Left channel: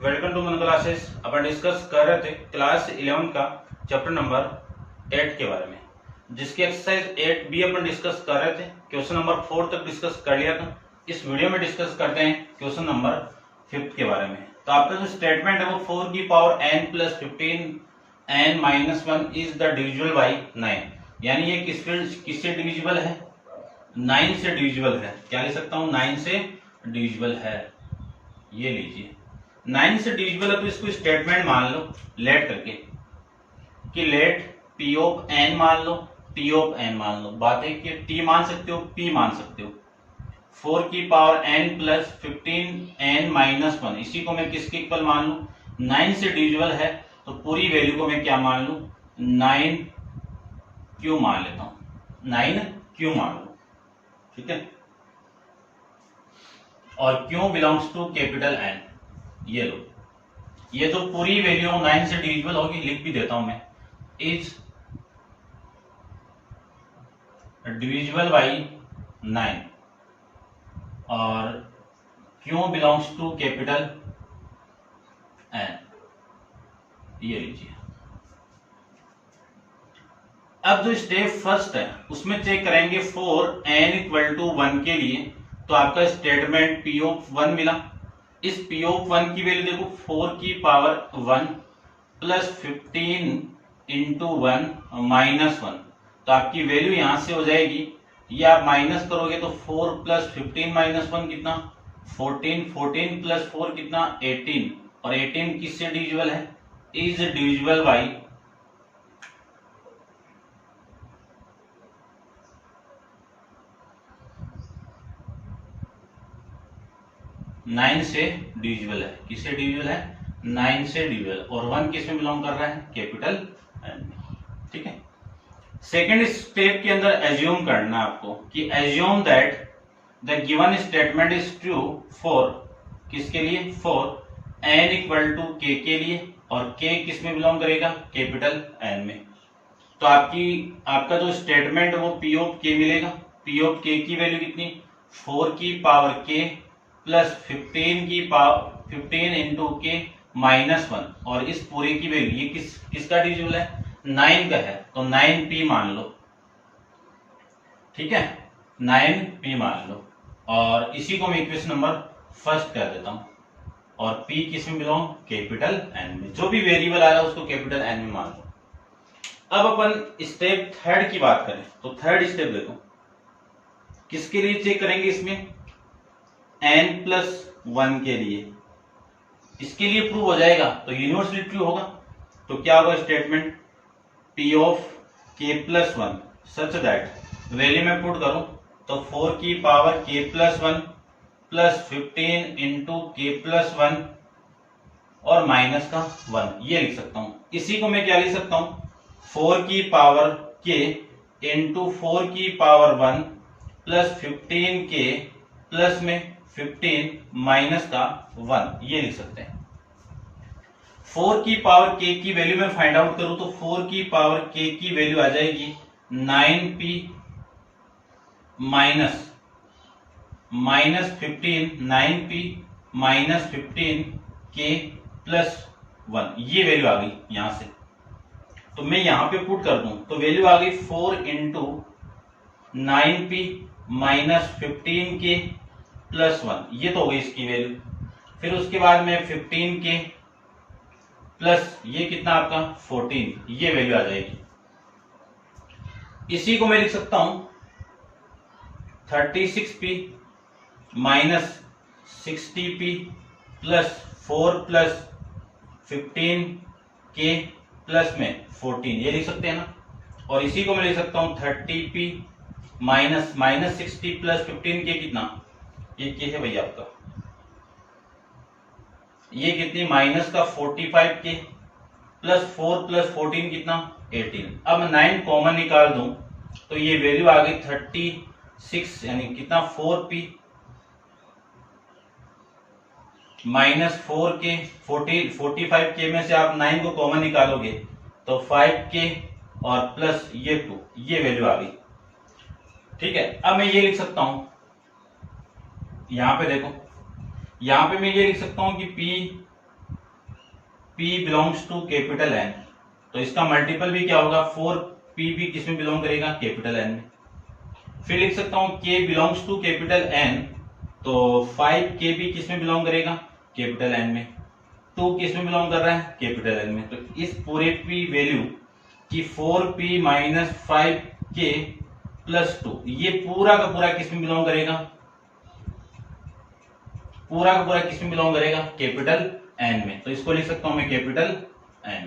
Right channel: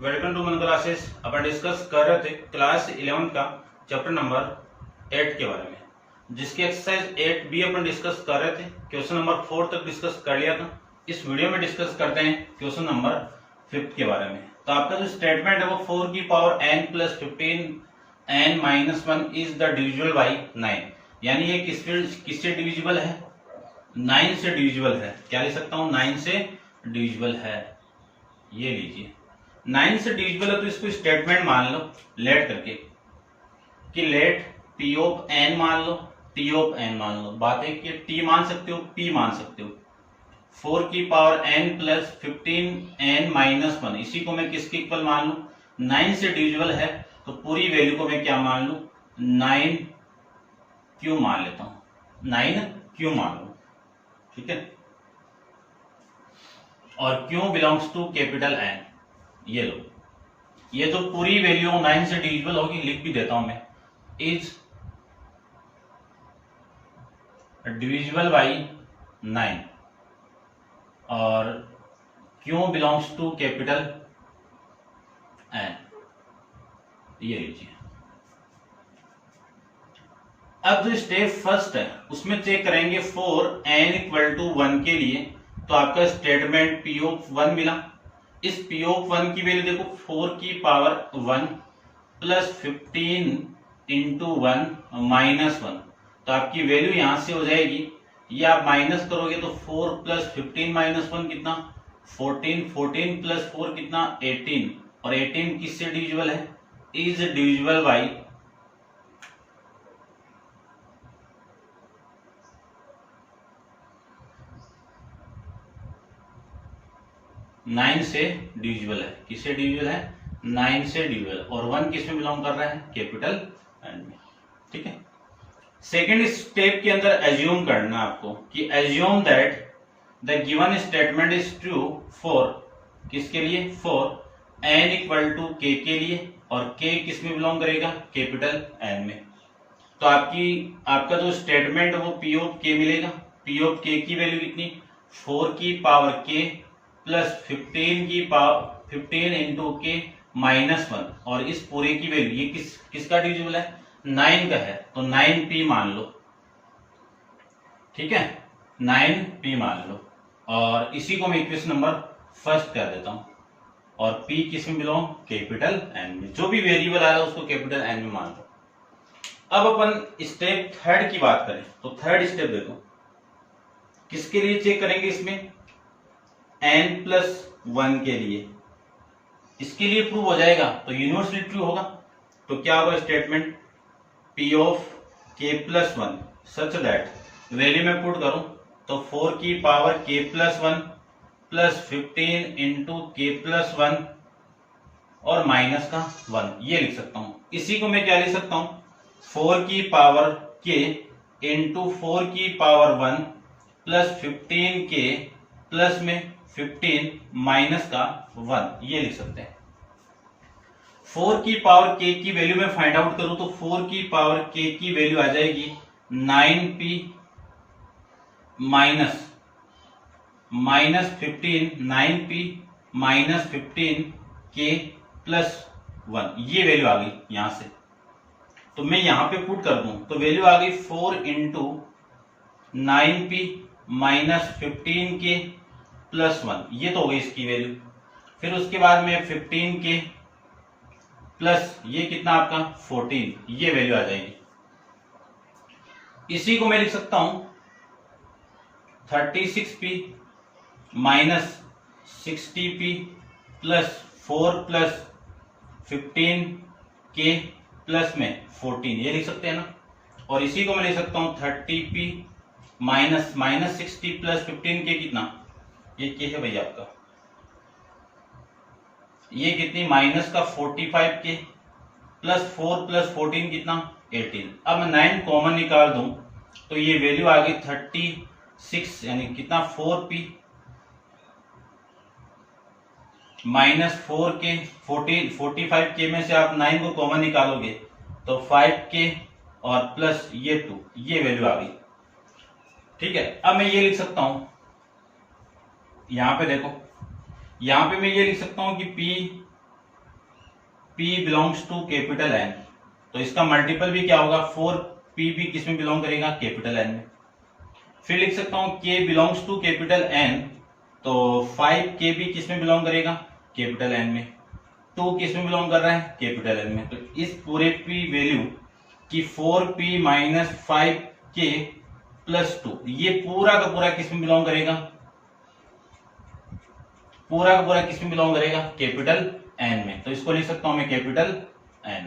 Welcome to मन classes. अपन discuss कर रहे थे क्लास 11 का चैप्टर नंबर 8 के बारे में, जिसकी एक्सरसाइज 8 भी अपन डिस्कस कर रहे थे। क्वेश्चन नंबर 4 तक डिस्कस कर लिया था। इस वीडियो में डिस्कस करते हैं क्वेश्चन नंबर 5 के बारे में। तो आपका जो स्टेटमेंट है वो 4 की power n plus 15 n minus 1 is the divisible by 9, यानी ये किससे डिविजिबल है? 9 से डिविजिबल है। क्या लिख सकता हूं? 9 से डिविजिबल है। ये लीजिए 9 से डिविजिबल है तो इसको स्टेटमेंट मान लो लेट करके कि लेट p ऑफ n मान लो, t ऑफ n मान लो। बात है कि t मान सकते हो, p मान सकते हो। 4 की power n plus 15 n minus 1, इसी को मैं किसके इक्वल मान लू? 9 से डिविजिबल है तो पूरी वैल्यू को मैं क्या मान लू? 9 क्यों मान लेता हूं, 9 क्यों मान लू। ठीक है, और क्यों बिलोंग्स टू कैपिटल N। ये लो, ये तो पूरी वैल्यू 9 से डिविजिबल होगी, लिख भी देता हूं मैं। इज डिविजिबल बाई 9 और क्यों बिलोंग्स टू कैपिटल N। ये लीजिए। अब जो स्टेप फर्स्ट है उसमें चेक करेंगे फॉर n इक्वल टू 1 के लिए, तो आपका स्टेटमेंट p ऑफ 1 मिला। इस p ऑफ 1 की वैल्यू देखो 4 की पावर 1 प्लस 15 इंटू 1 माइनस 1, तो आपकी वैल्यू यहां से हो जाएगी। ये आप माइनस करोगे तो 4 प्लस 15 माइनस 1 कितना? 14, 14 प्लस 4 कितना? 18, और 18 किससे डिविजिबल है? इज डिविजिबल बाई 9 से डिविजिबल है। किससे डिविजिबल है? 9 से डिविजिबल। और 1 किस में बिलोंग कर रहा है? कैपिटल N में। ठीक है, सेकेंड स्टेप के अंदर एज्यूम करना आपको कि assume that the given statement is true for, किसके लिए? For n equal to k के लिए, और k किस में बिलोंग करेगा? कैपिटल N में। तो आपका जो स्टेटमेंट है वो p ऑफ k मिलेगा। p ऑफ k की वैल्यू कितनी? 4 की पावर k प्लस 15 की पावर 15 इंटू के माइनस 1, और इस पूरे की वैल्यू ये किसका डिविजिबल है? 9 का है, तो 9p मान लो। ठीक है, 9p मान लो, और इसी को मैं इक्वेशन नंबर फर्स्ट कर देता हूं। और p किस में बिलोंग? कैपिटल N में। जो भी वेरिएबल आ रहा है उसको कैपिटल N में मान लो। अब अपन स्टेप थर्ड की बात करें तो थर्ड स्टेप देखो, किसके लिए चेक करेंगे? इसमें n प्लस 1 के लिए। इसके लिए प्रूव हो जाएगा तो यूनिवर्सली ट्रू होगा। तो क्या होगा statement? p of k plus 1 such that value में पुट करूं तो 4 की power k plus 1 plus 15 into के प्लस 1 और माइनस का 1, ये लिख सकता हूं। इसी को मैं क्या लिख सकता हूं? 4 की पावर k इंटू 4 की पावर 1 प्लस 15 k प्लस में 15 माइनस का 1, ये लिख सकते हैं। 4 की पावर k की वैल्यू में फाइंड आउट करूं तो 4 की पावर k की वैल्यू आ जाएगी 9p minus 15, 9p minus 15 k plus 1, ये वैल्यू आ गई यहां से। तो मैं यहां पे पुट कर दूं तो वैल्यू आ गई 4 into 9p minus 15k plus 1, ये तो हो गई इसकी वैल्यू। फिर उसके बाद में 15k प्लस ये कितना आपका 14, ये वैल्यू आ जाएगी। इसी को मैं लिख सकता हूं 36p minus 60p plus 4 plus 15k plus में 14, ये लिख सकते हैं ना। और इसी को मैं लिख सकता हूं 30p माइनस 60 प्लस 15k कितना? ये क्या है भैया आपका? ये कितनी? माइनस का 45k प्लस 4 प्लस 14 कितना? 18। अब मैं 9 कॉमन निकाल दूं तो ये वैल्यू आ गई 36, यानी कितना? 4p माइनस 4k 45k में से आप 9 को कॉमन निकालोगे तो 5k और प्लस ये 2, ये वैल्यू आ गई। ठीक है, अब मैं ये लिख सकता हूं, यहां पे देखो, यहां पे मैं ये लिख सकता हूं कि P P belongs to capital N, तो इसका मल्टीपल भी क्या होगा, 4P भी किसमें बिलोंग करेगा, कैपिटल N में। फिर लिख सकता हूं K belongs to capital N, तो 5K भी किसमें बिलोंग करेगा, कैपिटल N में। 2 किसमें बिलोंग कर रहा है, कैपिटल N में। तो इस पूरे P वैल्यू की 4P माइनस 5K प्लस 2, ये पूरा का पूरा किसमें बिलोंग करेगा, पूरा का पूरा किसमें बिलोंग करेगा, कैपिटल N में। तो इसको लिख सकता हूं मैं कैपिटल N,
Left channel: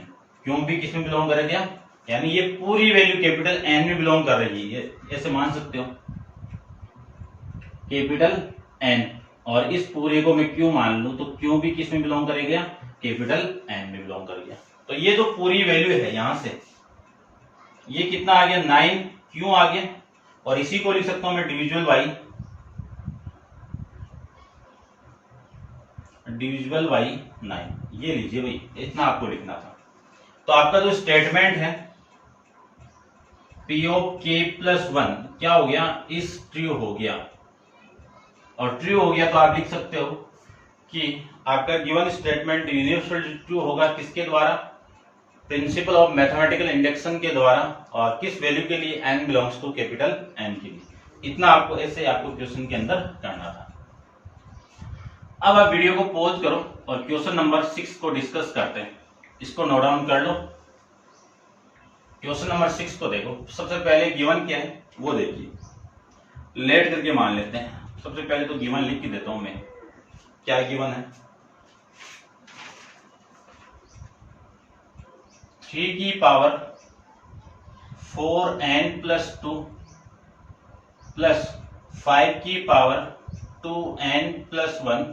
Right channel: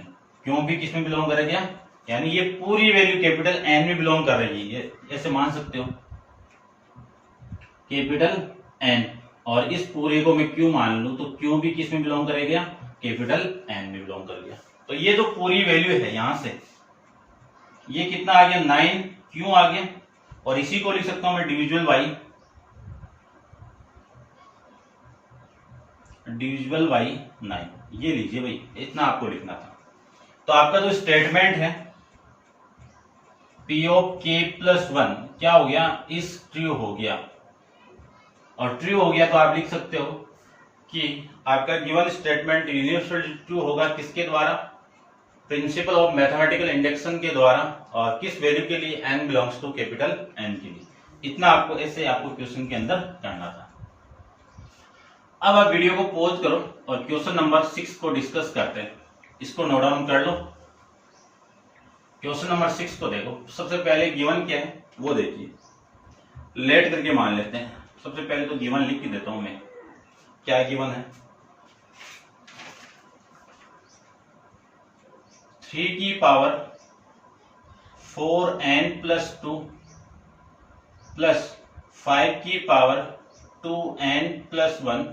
क्यों भी किसमें बिलोंग करेगा, यानी ये पूरी वैल्यू कैपिटल N में बिलोंग कर रही है, ऐसे मान सकते हो कैपिटल N, और इस पूरे को मैं क्यों मान लूं, तो क्यों भी किसमें बिलोंग करेगा, कैपिटल N में बिलोंग कर गया। तो ये जो पूरी वैल्यू है यहां से ये कितना आ गया, 9 क्यों आ गया, और इसी को लिख सकता हूं मैं डिविजिबल बाई 9, ये लीजिए भाई, इतना आपको लिखना था। तो आपका जो स्टेटमेंट है P ऑफ K प्लस 1 क्या हो गया, इस ट्रू हो गया, और ट्रू हो गया तो आप लिख सकते हो कि आपका गिवन स्टेटमेंट यूनिवर्सल ट्रू होगा किसके द्वारा, प्रिंसिपल ऑफ मैथमेटिकल इंडक्शन के द्वारा, और किस वैल्यू के लिए, n belongs to capital N के लिए। इतना आपको ऐसे आपको क्वेश्चन के अंदर करना था। अब आप वीडियो को पॉज करो और क्वेश्चन नंबर 6 को डिस्कस करते हैं। इसको नोट डाउन कर लो। क्वेश्चन नंबर 6 को देखो। सबसे पहले गिवन क्या है वो देखिए, लेट करके मान लेते हैं। सबसे पहले तो गिवन लिख के देता हूं मैं, क्या गिवन है, 3 की पावर 4n प्लस 2 प्लस 5 की power 2n plus 1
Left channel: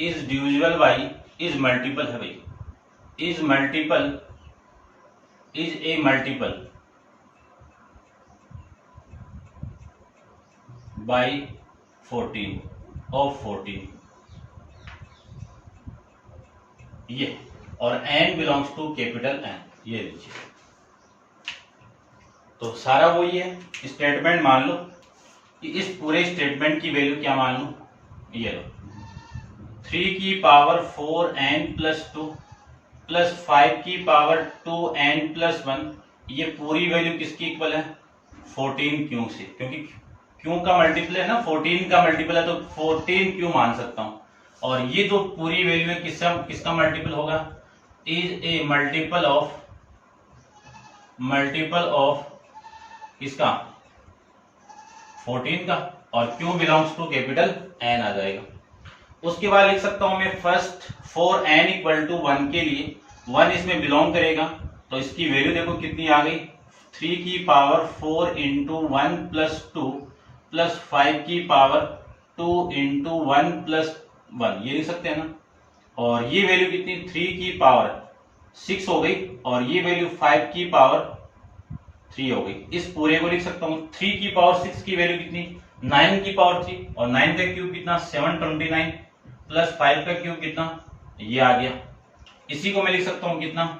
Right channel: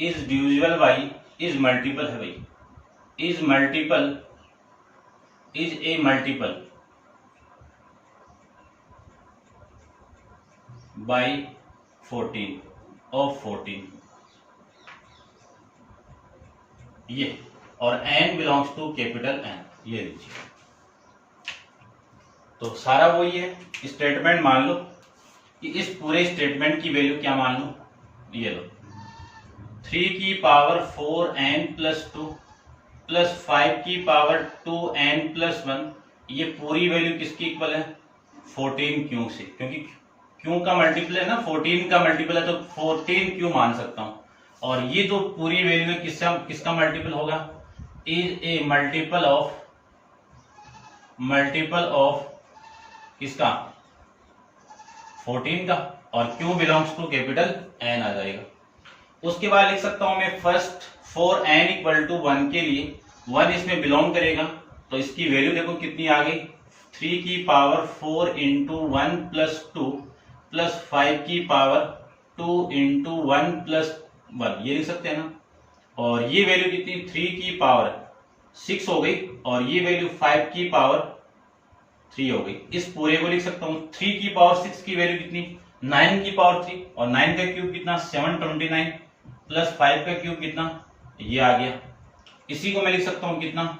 is divisible by, is multiple है भाई, is a multiple by 14 of 14, ये, और n belongs to capital N, ये लीजिए। तो सारा वही है, स्टेटमेंट मान लो कि इस पूरे स्टेटमेंट की वैल्यू क्या मान लो, ये लो 3 की पावर 4n प्लस 2 प्लस 5 की पावर 2n प्लस 1, ये पूरी वैल्यू किसकी इक्वल है, 14 क्यों से, क्योंकि क्यों का मल्टीपल है ना, 14 का मल्टीपल है तो 14 क्यों मान सकता हूं। और ये जो पूरी वैल्यू है किसका मल्टीपल होगा, इज ए मल्टीपल ऑफ किसका, 14 का, और Q belongs to capital N आ जाएगा। उसके बाद लिख सकता हूं मैं फर्स्ट 4n इक्वल टू 1 के लिए 1 इसमें बिलोंग करेगा, तो इसकी वैल्यू देखो कितनी आ गई, 3 की पावर 4 इंटू 1 प्लस 2 प्लस 5 की पावर 2 इंटू 1 प्लस 1, ये लिख सकते हैं ना। और ये वैल्यू कितनी, 3 की पावर 6 हो गई, और ये वैल्यू 5 की पावर 3 हो गई। इस पूरे को लिख सकता हूं 3 की पावर 6 की वैल्यू कितनी, 9 की पावर 3, और 9 का क्यूब कितना 729 प्लस 5 का क्यूब कितना, ये आ गया। इसी को मैं लिख सकता हूं कितना,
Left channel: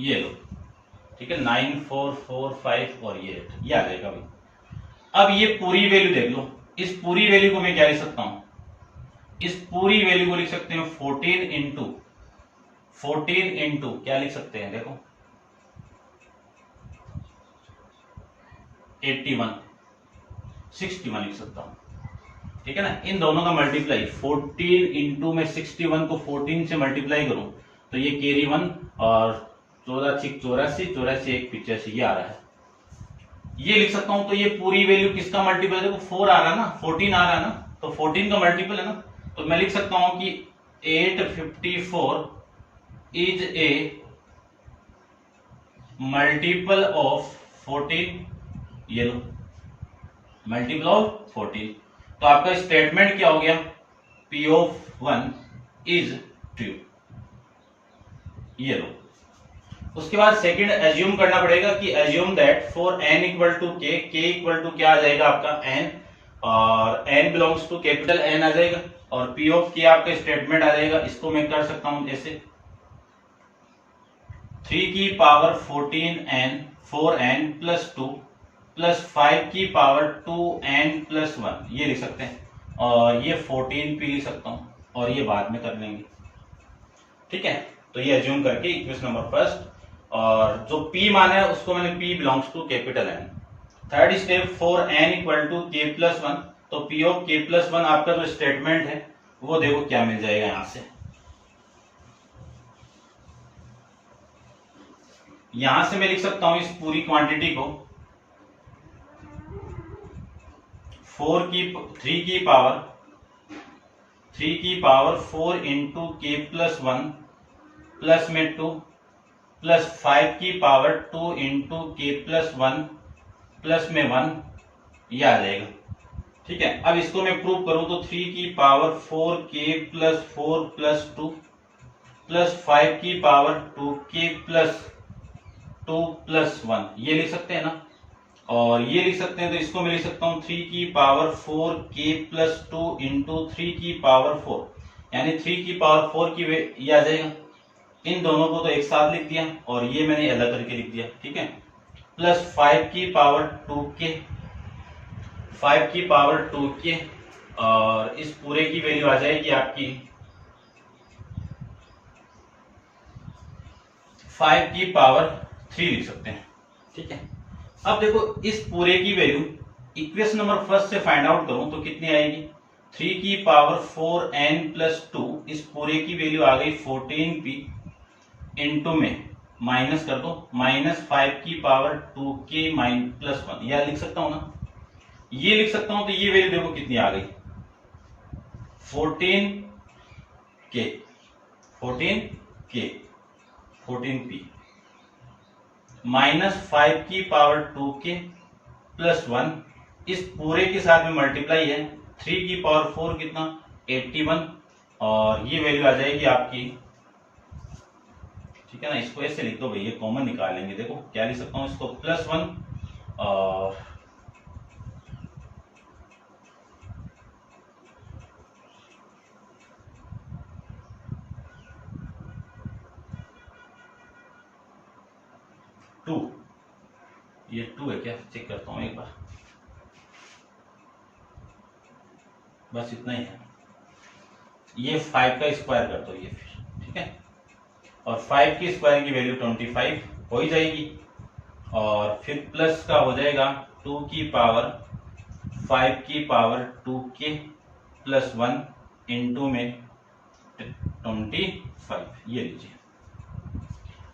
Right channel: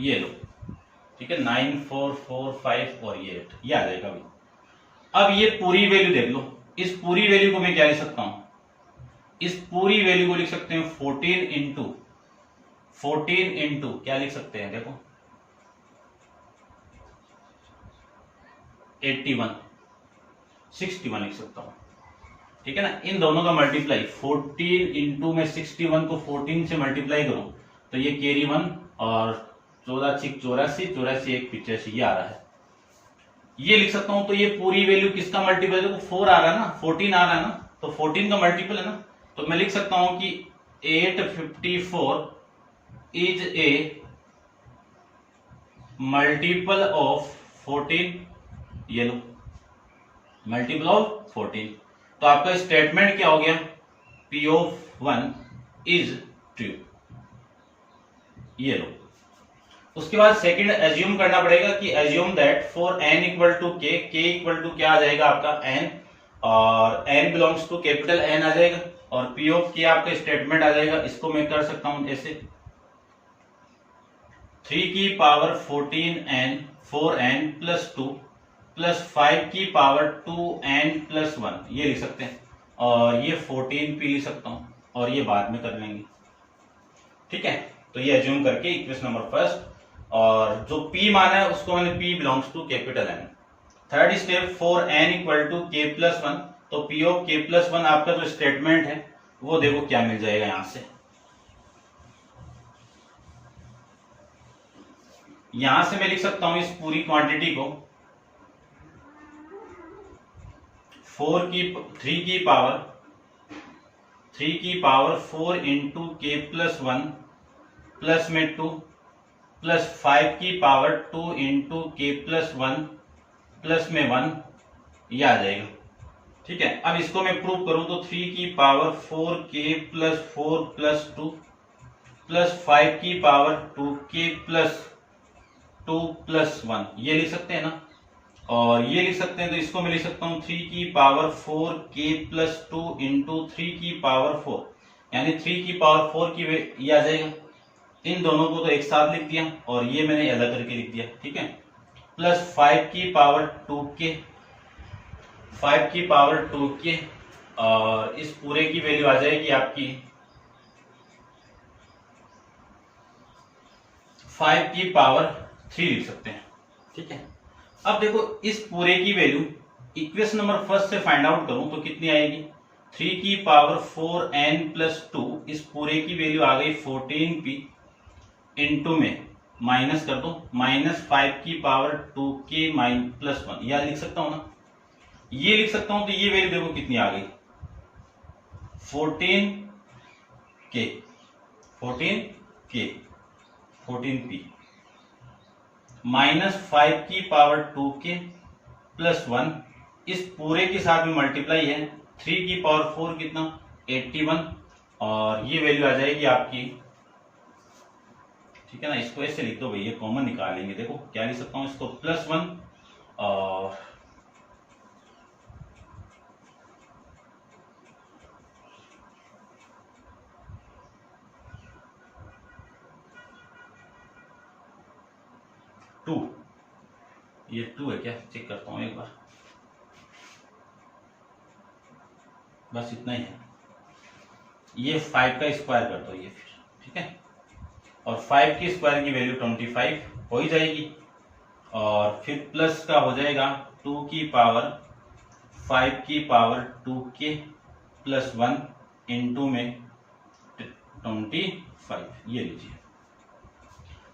ये लो, ठीक है, 9 4 4 5 और ये 8, ये आ जाएगा भाई। अब ये पूरी वैल्यू देख लो, इस पूरी वैल्यू को मैं क्या लिख सकता हूं, इस पूरी वैल्यू को लिख सकते हैं 14 इंटू क्या लिख सकते हैं, देखो 81 61 लिख सकता हूं, ठीक है ना। इन दोनों का मल्टीप्लाई 14 इंटू में 61 को 14 से मल्टीप्लाई करूं तो ये कैरी 1 और 14 6 84 84 1 85 ये आ रहा है, ये लिख सकता हूं। तो ये पूरी वैल्यू किसका मल्टीपल है, देखो 4 आ रहा है ना, 14 आ रहा है ना, तो 14 का मल्टीपल है ना, तो मैं लिख सकता हूं कि 854 इज ए मल्टीपल ऑफ 14, ये लो मल्टीपल ऑफ 14। तो आपका स्टेटमेंट क्या हो गया, P ऑफ 1 इज ट्रू, ये लो। उसके बाद सेकंड एज्यूम करना पड़ेगा कि assume that for n equal to k, k equal to क्या आ जाएगा आपका n, और n belongs to capital N आ जाएगा, और P ऑफ k आपका स्टेटमेंट आ जाएगा। इसको मैं कर सकता हूं ऐसे 3 की पावर 4n प्लस 2 प्लस 5 की पावर 2n प्लस 1, ये लिख सकते हैं, और ये 14p लिख सकता हूं, और ये बाद में कर लेंगे, ठीक है। तो ये एज्यूम करके इक्वेशन नंबर फर्स्ट, और जो P माना है उसको मैंने P belongs to capital N। Third step for n equal to k+1, तो P ऑफ k+1 आपका जो स्टेटमेंट है वो देखो क्या मिल जाएगा। यहां से मैं लिख सकता हूं इस पूरी क्वांटिटी को 3 की पावर 4 इंटू k+1 प्लस में 2 प्लस 5 की पावर 2 इंटू k+1 प्लस में 1, ये आ जाएगा, ठीक है। अब इसको मैं प्रूव करूं तो 3 की पावर 4k+4 प्लस 2 प्लस 5 की पावर 2k+2 प्लस 1, ये लिख सकते हैं ना। और ये लिख सकते हैं तो इसको मैं लिख सकता हूं 3 की पावर 4k+2 इंटू 3 की पावर 4, यानी 3 की पावर 4 की ये आ जाएगा। इन दोनों को तो एक साथ लिख दिया और ये मैंने अलग करके लिख दिया, ठीक है। प्लस 5 की पावर 2k, 5 की पावर 2k, और इस पूरे की वैल्यू आ जाएगी आपकी 5 की पावर 3 लिख सकते हैं, ठीक है। अब देखो इस पूरे की वैल्यू इक्वेशन नंबर फर्स्ट से फाइंड आउट करूं तो कितनी आएगी, 3 की पावर 4n प्लस 2, इस पूरे की वैल्यू आ गई 14p इंटू में माइनस कर दो -5 की पावर 2k प्लस 1, यह लिख सकता हूं ना, ये लिख सकता हूं। तो ये वैल्यू देखो कितनी आ गई 14p -5 की पावर 2k प्लस 1, इस पूरे के साथ भी मल्टीप्लाई है, 3 की पावर 4 कितना 81, और ये वैल्यू आ जाएगी आपकी, ठीक है ना। इसको ऐसे लिख दो भैया, कॉमन निकालेंगे, देखो क्या लिख सकता हूं इसको +1 और 2, ये 2 है क्या, चेक करता हूं एक बार, बस इतना ही है। ये 5 का स्क्वायर कर दो ये फिर, ठीक है। और 5 की स्क्वायर की वैल्यू 25 हो ही जाएगी, और फिर प्लस का हो जाएगा 2 की पावर 5 की पावर 2k प्लस 1 इंटू में 25, ये लीजिए।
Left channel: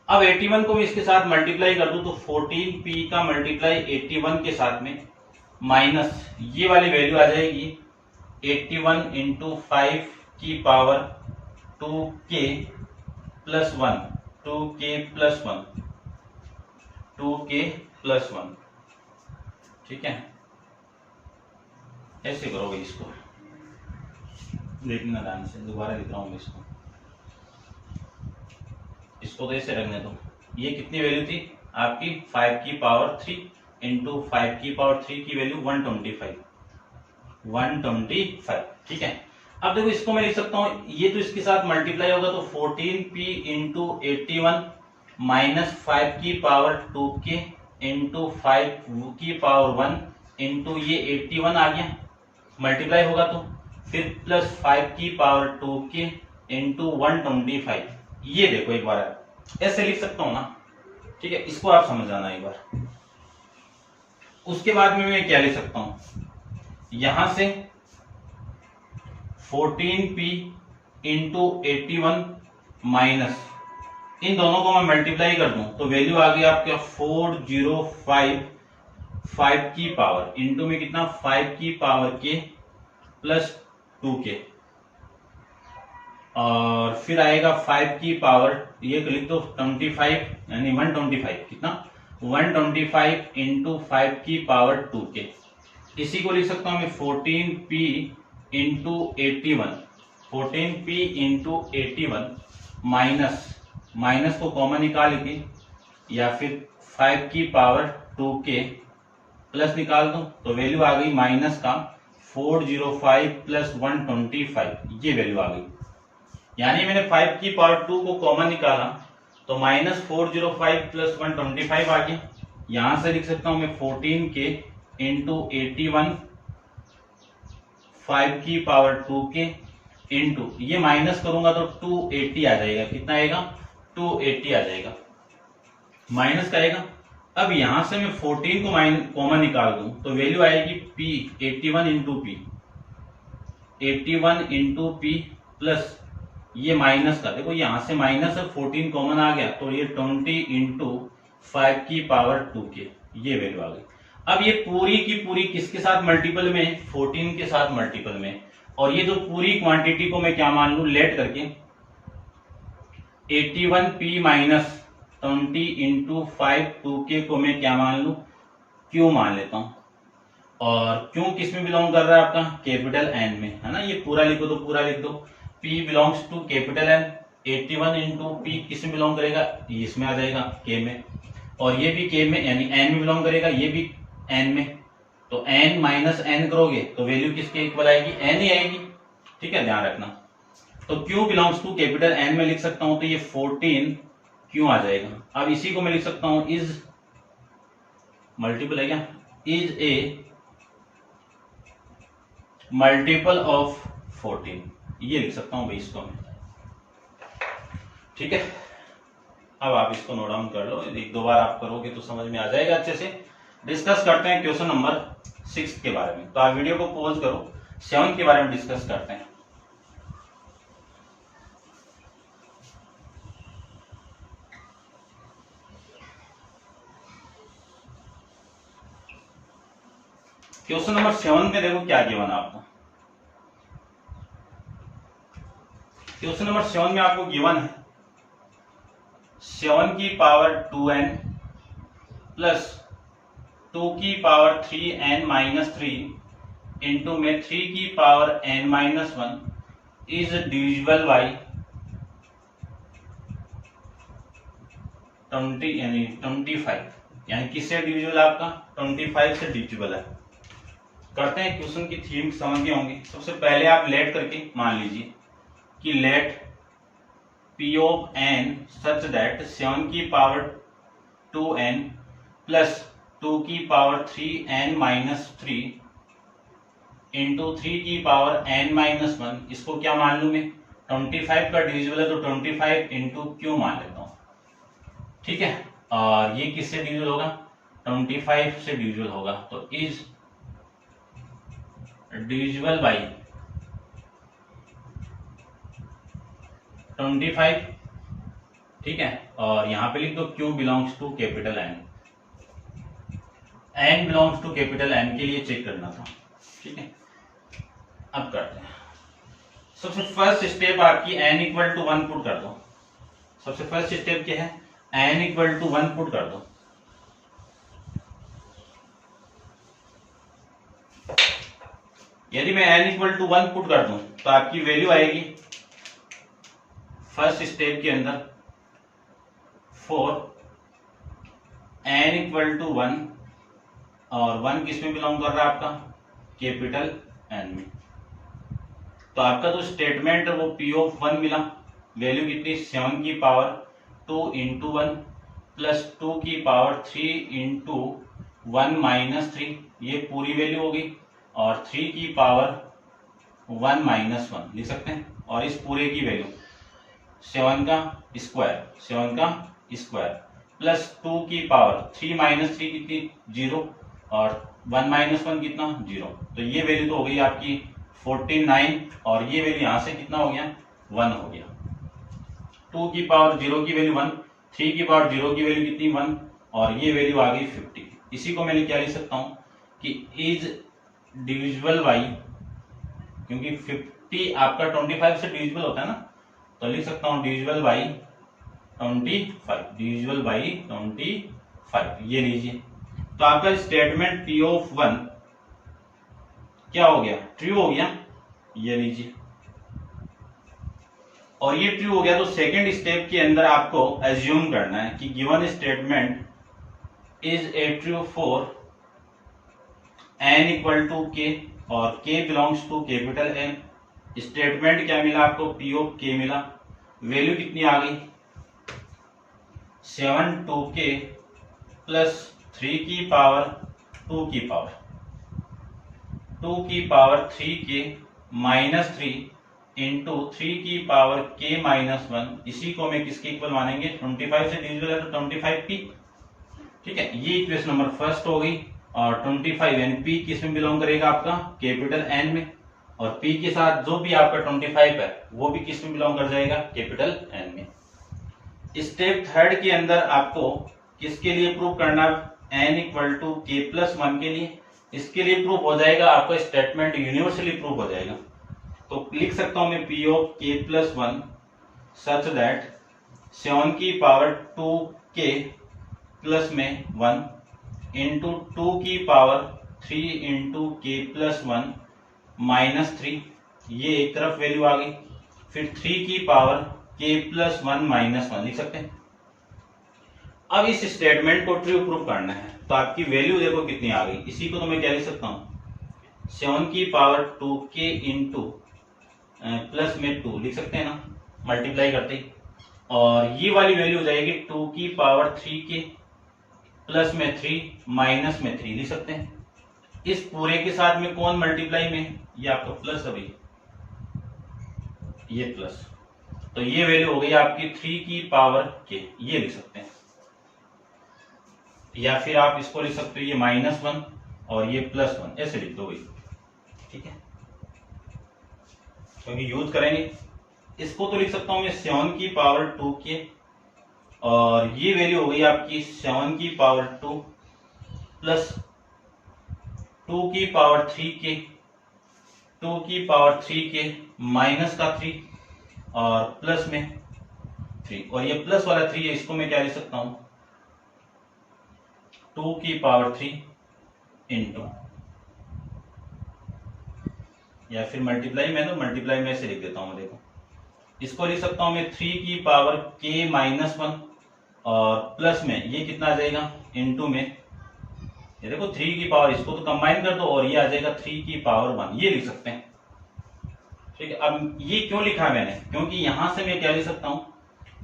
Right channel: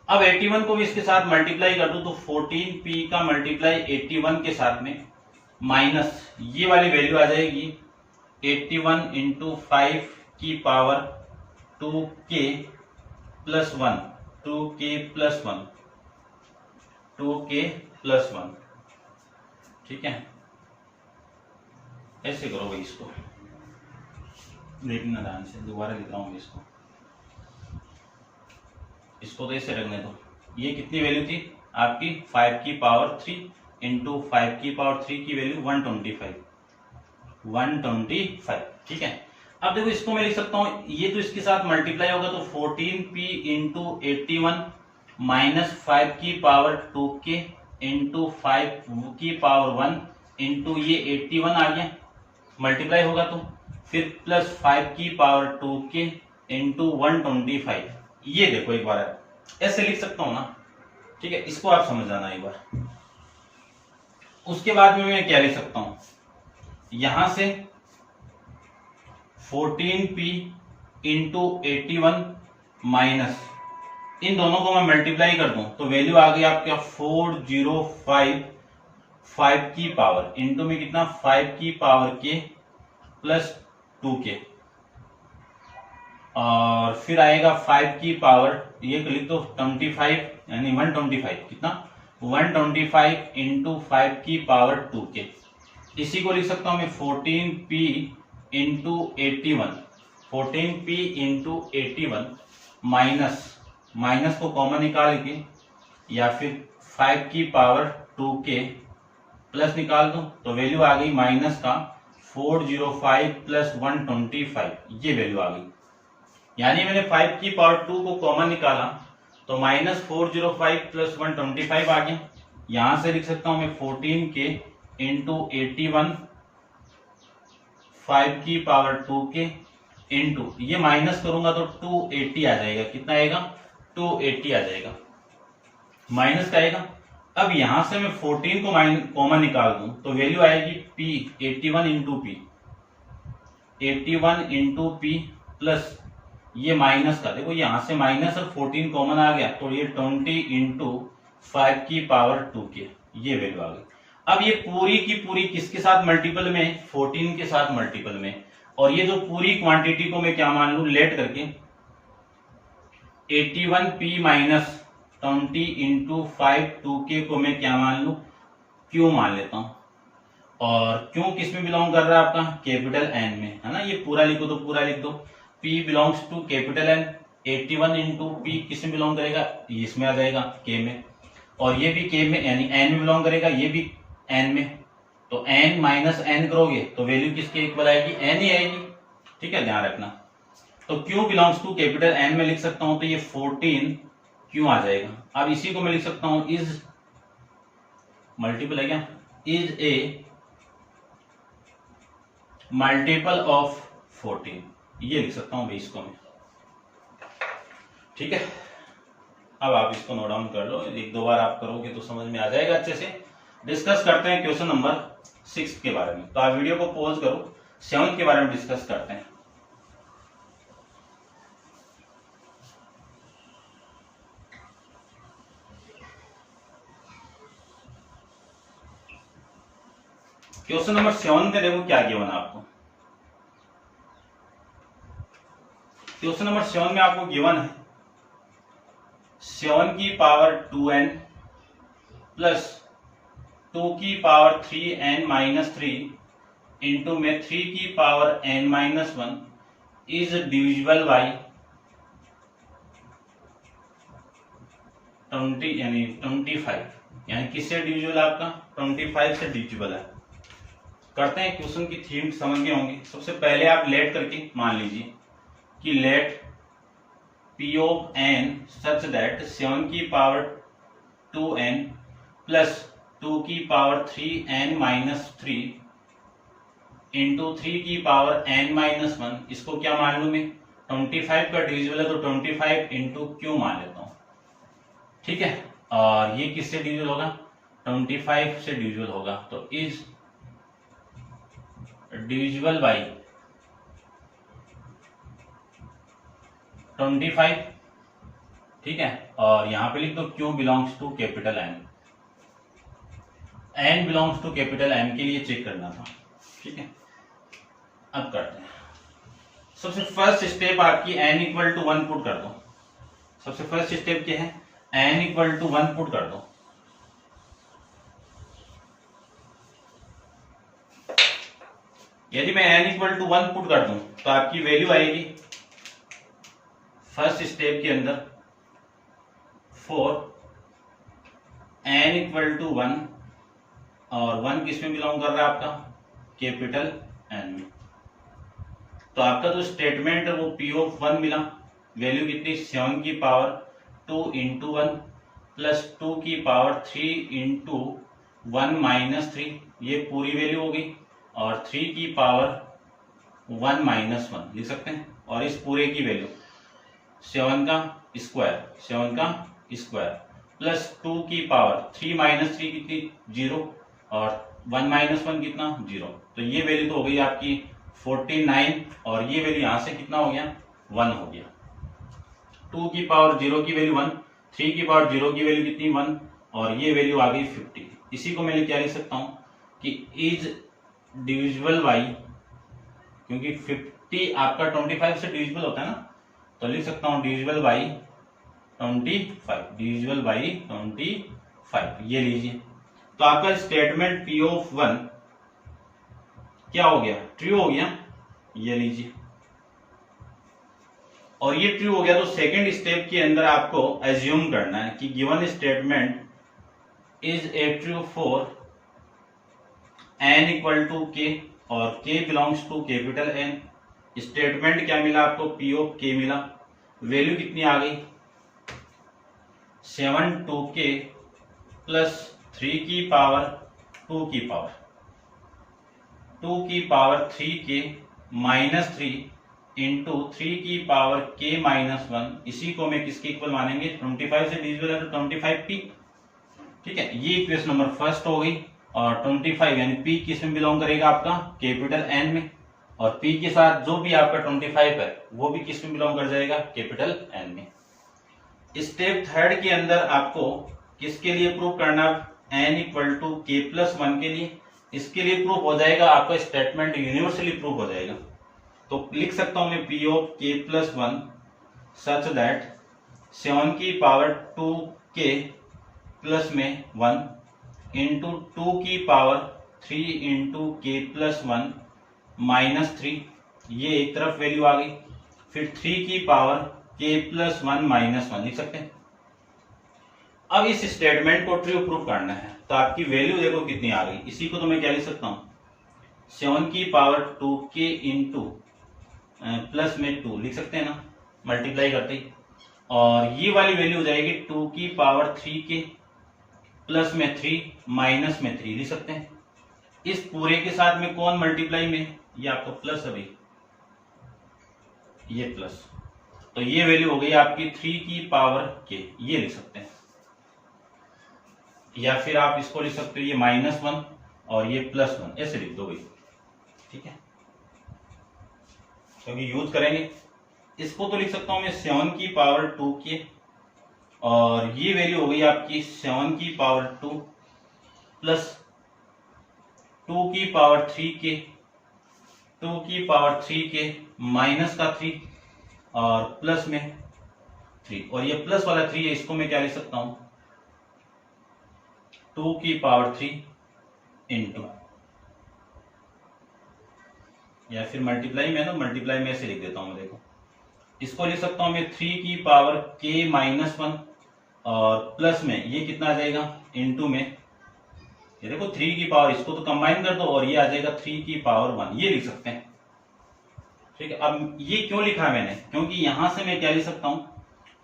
अब 81 को भी इसके साथ मल्टीप्लाई कर दूं तो 14p का मल्टीप्लाई 81 के साथ में माइनस ये वाली वैल्यू आ जाएगी 81 इंटू 5 की power 2k plus 1, 2k plus 1, 2k plus 1, ठीक है। ऐसे करो भाई, इसको देखना ध्यान से, दोबारा लिख रहा हूं इसको तो ऐसे रखने दो। ये कितनी वैल्यू थी आपकी 5 की पावर 3 इंटू 5 की पावर 3 की वैल्यू 125, ठीक है। अब देखो इसको मैं लिख सकता हूं, ये तो इसके साथ मल्टीप्लाई होगा तो 14p इंटू 81 -5 की पावर 2k इंटू 5 की पावर 1 इंटू ये 81 आ गया, मल्टीप्लाई होगा तो फिर प्लस 5 की पावर 2k इंटू 125, ये देखो एक बार ऐसे लिख सकता हूं ना, ठीक है। इसको आप समझ जाना एक बार। उसके बाद में मैं क्या लिख सकता हूं, यहां से 14p इंटू 81 माइनस इन दोनों को मैं मल्टीप्लाई कर दूं तो वैल्यू आ गई आपका 405 5 की पावर इंटू में कितना 5 की पावर k प्लस 2k, और फिर आएगा 5 की पावर ये लिख दो 25 यानी 125, कितना 125 इंटू 5 की पावर 2k, इसी को लिख सकता हूं मैं 14p into 81, 14p into 81 minus को कॉमन निकाल के या फिर 5 की पावर 2k प्लस निकाल दो तो वैल्यू आ गई माइनस का 405 प्लस 125, ये वैल्यू आ गई। यानी मैंने 5 की पावर 2 को कॉमन निकाला तो -405 प्लस 125 आ गया। यहां से लिख सकता हूं मैं 14k इंटू 81 5 की पावर 2k इंटू ये माइनस करूंगा तो 280 आ जाएगा। कितना आएगा? 280 आ जाएगा। माइनस का आएगा। अब यहां से मैं 14 को कॉमन निकाल दूं तो वैल्यू आएगी P 81 into P, 81 into P plus ये माइनस का, देखो यहां से माइनस और 14 कॉमन आ गया तो ये 20 इंटू 5 की पावर 2 के, ये वैल्यू आ गई। अब ये पूरी की पूरी किसके साथ मल्टीपल में? 14 के साथ मल्टीपल में। और ये जो पूरी क्वांटिटी को मैं क्या मान लू? लेट करके 81p माइनस 20 इंटू 5 2k को मैं क्या मान लू? क्यू मान लेता हूं। और क्यू किस में बिलोंग कर रहा है? आपका कैपिटल एन में, है ना। ये पूरा लिखो तो पूरा लिख दो। P belongs to capital N, 81 into P किस में बिलोंग करेगा? इसमें आ जाएगा के में। और ये भी के में यानी एन में बिलोंग करेगा, ये भी एन में। तो एन माइनस एन करोगे तो वैल्यू किसके इक्वल आएगी? एन ही आएगी। ठीक है, ध्यान रखना। तो Q belongs to capital N में लिख सकता हूं तो ये 14 क्यों आ जाएगा। अब इसी को मैं लिख सकता हूं इज मल्टीपल है क्या? इज ए मल्टीपल ऑफ 14, ये लिख सकता हूं भाई इसको मैं। ठीक है, अब आप इसको नोट डाउन कर लो, एक दो बार आप करोगे तो समझ में आ जाएगा अच्छे से। डिस्कस करते हैं क्वेश्चन नंबर 6 के बारे में। तो आप वीडियो को पॉज करो, 7 के बारे में डिस्कस करते हैं। क्वेश्चन नंबर 7 में देखो क्या गिवन है आपको। क्वेश्चन नंबर 7 में आपको गिवन है 7 की पावर 2n प्लस 2 की पावर 3n माइनस 3 इंटू में 3 की power n minus 1 is divisible by 20 यानी 25, यानी किससे डिविजिबल है? आपका 25 से डिविजिबल है। करते हैं क्वेश्चन की थीम, समझ गए होंगे। सबसे पहले आप लेट करके मान लीजिए कि let P of n such that 7 की पावर 2n प्लस 2 की पावर 3n माइनस 3 इंटू 3 की पावर n माइनस 1, इसको क्या मान लू मैं? 25 का डिविजिबल है तो 25 इंटू क्यू मान लेता हूं। ठीक है, और ये किससे डिविजिबल होगा? 25 से डिविजिबल होगा। तो इज डिविजिबल बाई 25। ठीक है, और यहां पे लिख दो Q belongs to capital N, N belongs to capital N के लिए चेक करना था। ठीक है, अब करते हैं। सबसे फर्स्ट स्टेप आपकी n इक्वल टू 1 पुट कर दो। सबसे फर्स्ट स्टेप क्या है? n इक्वल टू 1 पुट कर दो। यदि मैं n इक्वल टू 1 पुट कर दूं तो आपकी वैल्यू आएगी फर्स्ट स्टेप के अंदर 4 n इक्वल टू 1, और 1 किस में बिलोंग कर रहा है? आपका कैपिटल n में। तो आपका जो स्टेटमेंट है वो P ऑफ 1 मिला। वैल्यू कितनी? 7 की पावर 2 इंटू 1 प्लस 2 की पावर 3 इंटू 1 माइनस 3, ये पूरी वैल्यू होगी। और 3 की पावर 1 माइनस 1 लिख सकते हैं। और इस पूरे की वैल्यू 7 का स्क्वायर प्लस 2 की पावर 3 माइनस 3 कितनी? 0, और 1 माइनस 1 कितना? 0। तो ये वैल्यू तो हो गई आपकी 49, और ये वैल्यू यहां से कितना हो गया? 1 हो गया। 2 की पावर 0 की वैल्यू 1, 3 की पावर 0 की वैल्यू कितनी? 1, और ये वैल्यू आ गई 50। इसी को मैं क्या लिख सकता हूं कि इज डिविजिबल बाई, क्योंकि 50 आपका 25 से डिविजिबल होता है ना, तो लिख सकता हूं डिविजिबल बाई 25, डिविजिबल बाई 25, ये लीजिए। तो आपका स्टेटमेंट P ऑफ 1 क्या हो गया? ट्रू हो गया, ये लीजिए। और ये ट्रू हो गया तो सेकंड स्टेप के अंदर आपको एज्यूम करना है कि given statement is a true for n equal to k, और k belongs to capital N। Statement क्या मिला आपको? P ऑफ k मिला। वैल्यू कितनी आ गई? 7 2k प्लस 3 की पावर 2 की पावर 2 की पावर 3k माइनस 3 इंटू 3 की पावर k माइनस 1, इसी को मैं किसके इक्वल मानेंगे, 25 से डिविजिबल है तो 25p। ठीक है, ये इक्वेशन नंबर फर्स्ट हो गई। और 25 यानी p किस में बिलोंग करेगा, आपका कैपिटल N में, और p के साथ जो भी आपका 25 है वो भी किस में बिलोंग कर जाएगा, कैपिटल N में। स्टेप थर्ड के अंदर आपको किसके लिए प्रूव करना, n equal to k plus 1 के लिए। इसके लिए प्रूफ हो जाएगा आपका स्टेटमेंट यूनिवर्सली प्रूफ हो जाएगा। तो लिख सकता हूं मैं p of k plus 1 such that 7 की पावर 2k प्लस में 1 इंटू 2 की power 3 into k plus 1 minus 3, ये एक तरफ वैल्यू आ गई। फिर 3 की पावर k प्लस 1 माइनस 1 लिख सकते हैं। अब इस स्टेटमेंट को ट्रू प्रूफ करना है, तो आपकी वैल्यू देखो कितनी आ गई। इसी को तो मैं क्या लिख सकता हूं, 7 की पावर 2k इंटू प्लस में 2 लिख सकते हैं ना, मल्टीप्लाई करते ही। और ये वाली वैल्यू हो जाएगी 2 की पावर 3k प्लस में 3 माइनस में 3 लिख सकते हैं। इस पूरे के साथ में कौन मल्टीप्लाई में, ये आपको प्लस, अभी ये प्लस, तो ये वैल्यू हो गई आपकी 3 की पावर k, ये लिख सकते हैं। या फिर आप इसको लिख सकते हो ये -1 और ये +1, ऐसे लिख दो भाई। ठीक है, तो यूज करेंगे इसको, तो लिख सकता हूं मैं 7 की पावर 2k, और ये वैल्यू हो गई आपकी 7 की पावर 2 प्लस 2 की पावर 3k, 2 की पावर 3k माइनस का 3 और प्लस में 3, और ये प्लस वाला 3 है, इसको मैं क्या लिख सकता हूं, 2 की पावर 3 इंटू, या फिर मल्टीप्लाई में, तो मल्टीप्लाई में ऐसे लिख देता हूं। देखो इसको लिख सकता हूं मैं 3 की पावर k माइनस 1 और प्लस में ये कितना आ जाएगा, इंटू में ये देखो 3 की पावर, इसको तो कंबाइन कर दो और ये आ जाएगा 3 की पावर 1, ये लिख सकते हैं। ठीक है, अब ये क्यों लिखा है मैंने, क्योंकि यहां से मैं क्या लिख सकता हूं,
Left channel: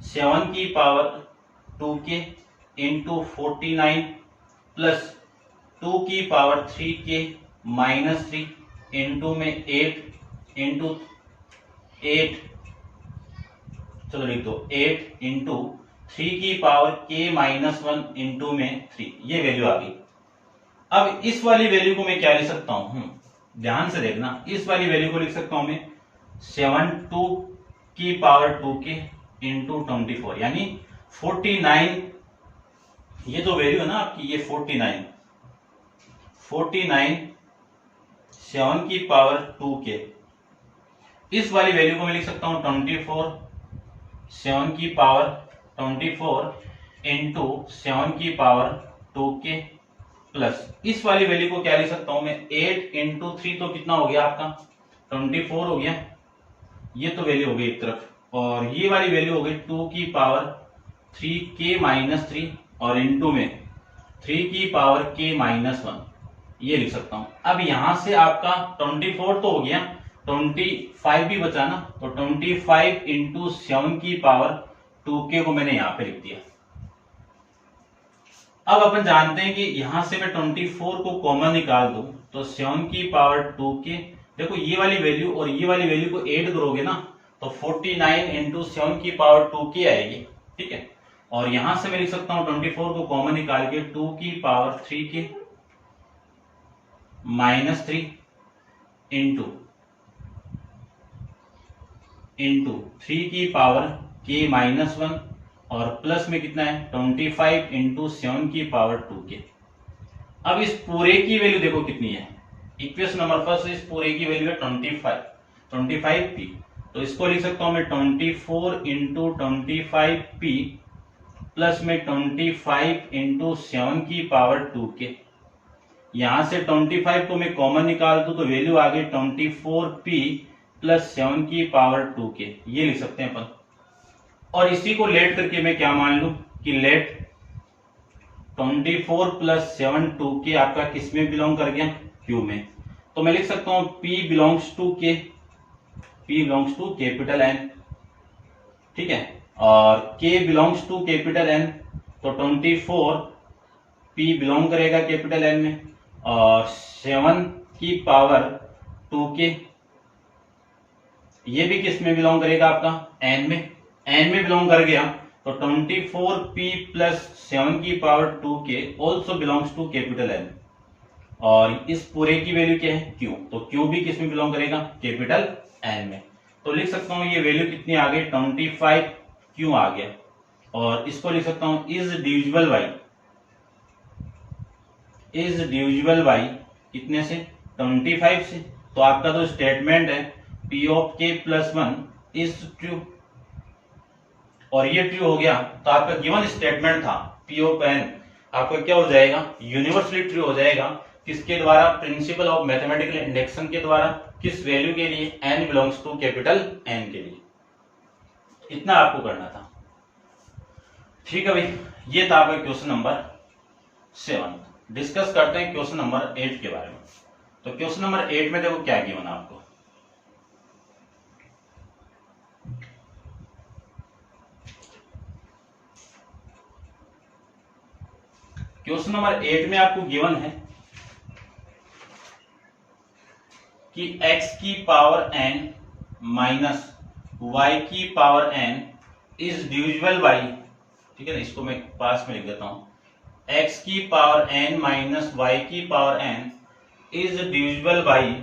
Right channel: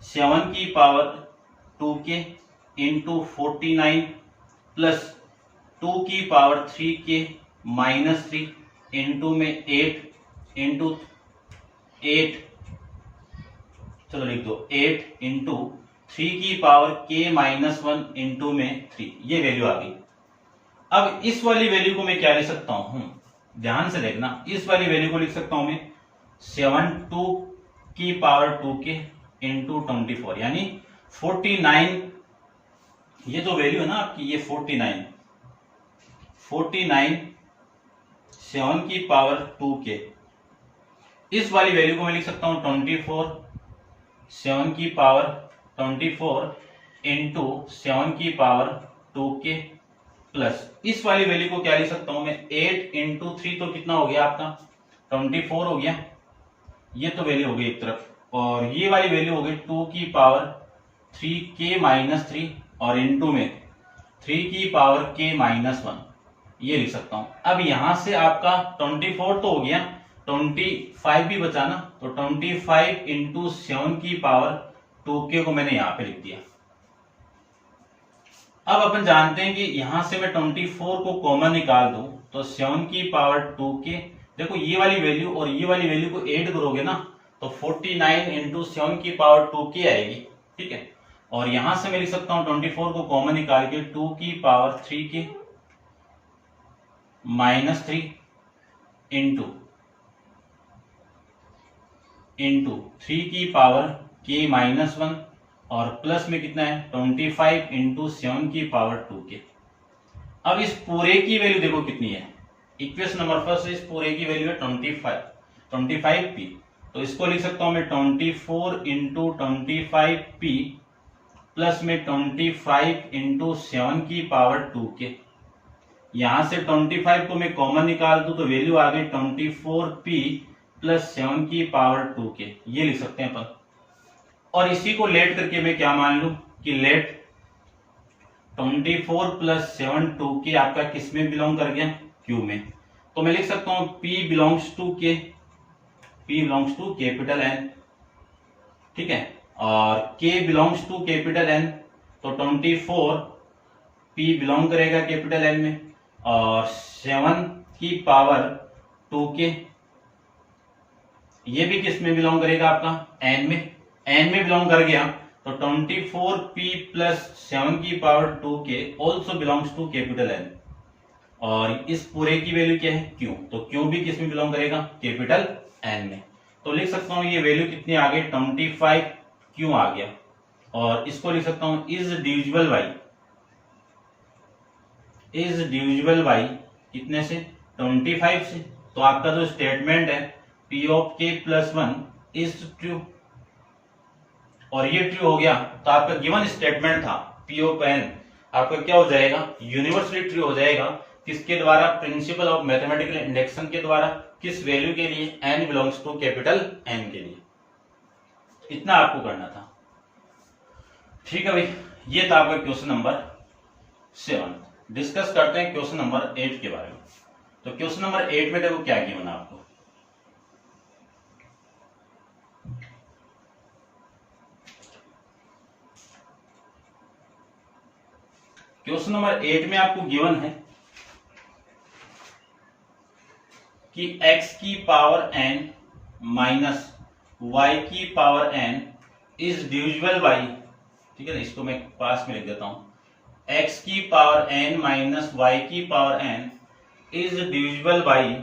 7 की पावर 2k इंटू 49 प्लस 2 की पावर 3k माइनस 3 इंटू में 8 इंटू 8, चलो लिख दो 8 इंटू 3 की पावर k माइनस 1 इंटू में 3, ये वैल्यू आ गई। अब इस वाली वैल्यू को मैं क्या लिख सकता हूं, ध्यान से देखना, इस वाली वैल्यू को लिख सकता हूं मैं 7 की पावर 2k इंटू 24, यानी 49, ये जो वैल्यू है ना आपकी, ये 49 7 की पावर 2k, इस वाली वैल्यू को मैं लिख सकता हूं 24, 7 की पावर 24 इंटू 7 की पावर 2k प्लस इस वाली वैल्यू को क्या लिख सकता हूं मैं 8 इंटू 3, तो कितना हो गया आपका 24 हो गया, ये तो वैल्यू हो गई एक तरफ, और ये वाली वैल्यू हो गई 2 की पावर 3k माइनस 3 और इंटू में 3 की पावर k माइनस 1, ये लिख सकता हूं। अब यहां से आपका 24 तो हो गया, 25 भी बचा ना, तो 25 इंटू 7 की पावर 2k को मैंने यहां पे लिख दिया। अब अपन जानते हैं कि यहां से मैं 24 को कॉमन निकाल दूं तो 7 की पावर 2k, देखो ये वाली वैल्यू और ये वाली वैल्यू को ऐड करोगे ना तो 49 इंटू 7 की पावर 2k आएगी। ठीक है, और यहां से मैं लिख सकता हूं 24 को कॉमन निकाल के 2 की पावर 3k माइनस 3 इंटू 3 की पावर k माइनस 1 और प्लस में कितना है 25 इंटू 7 की पावर 2k। अब इस पूरे की वैल्यू देखो कितनी है, इक्वेशन नंबर फर्स्ट, इस पूरे की वैल्यू है 25p, तो इसको लिख सकता हूं मैं 24 इंटू 25p प्लस में 25 इंटू 7 की पावर 2k। यहां से 25 को मैं कॉमन निकाल दूं तो वैल्यू आ गई 24p प्लस 7 की पावर 2k, ये लिख सकते हैं अपन। और इसी को लेट करके मैं क्या मान लूं कि लेट 24 प्लस 7 2k आपका किस में बिलोंग कर गया, q में, तो मैं लिख सकता हूं p belongs to k, p belongs to capital N। ठीक है, और k belongs to capital N, तो 24 p बिलोंग करेगा कैपिटल N में, और 7 की पावर 2k ये भी किस में बिलोंग करेगा आपका, एन में। एन में बिलोंग कर गया तो 24p प्लस 7 की power 2k also belongs to capital N. और इस पूरे की वैल्यू क्या है, क्यू। तो क्यू भी किस में बिलोंग करेगा, कैपिटल एन में। तो लिख सकता हूं ये वैल्यू कितनी आ गई, 25 क्यू आ गया। और इसको लिख सकता हूं is divisible by, is divisible by कितने से, 25 से। तो आपका जो स्टेटमेंट है P of k plus 1 is true, और ये ट्रू हो गया तो आपका गिवन स्टेटमेंट था P ऑफ n आपका क्या हो जाएगा, यूनिवर्सली ट्रू हो जाएगा। किसके द्वारा, प्रिंसिपल ऑफ मैथमेटिकल इंडक्शन के द्वारा। किस वैल्यू के लिए, n belongs to capital N के लिए। इतना आपको करना था, ठीक है भाई। ये था आपका क्वेश्चन नंबर 7। डिस्कस करते हैं क्वेश्चन नंबर 8 के बारे में। तो क्वेश्चन नंबर 8 में देखो क्या गिवन है आपको। क्वेश्चन नंबर 8 में आपको गिवन है कि x की पावर n माइनस y की power n is divisible by, ठीक है ना, इसको मैं पास में लिख देता हूं। x की पावर n माइनस y की power n is divisible by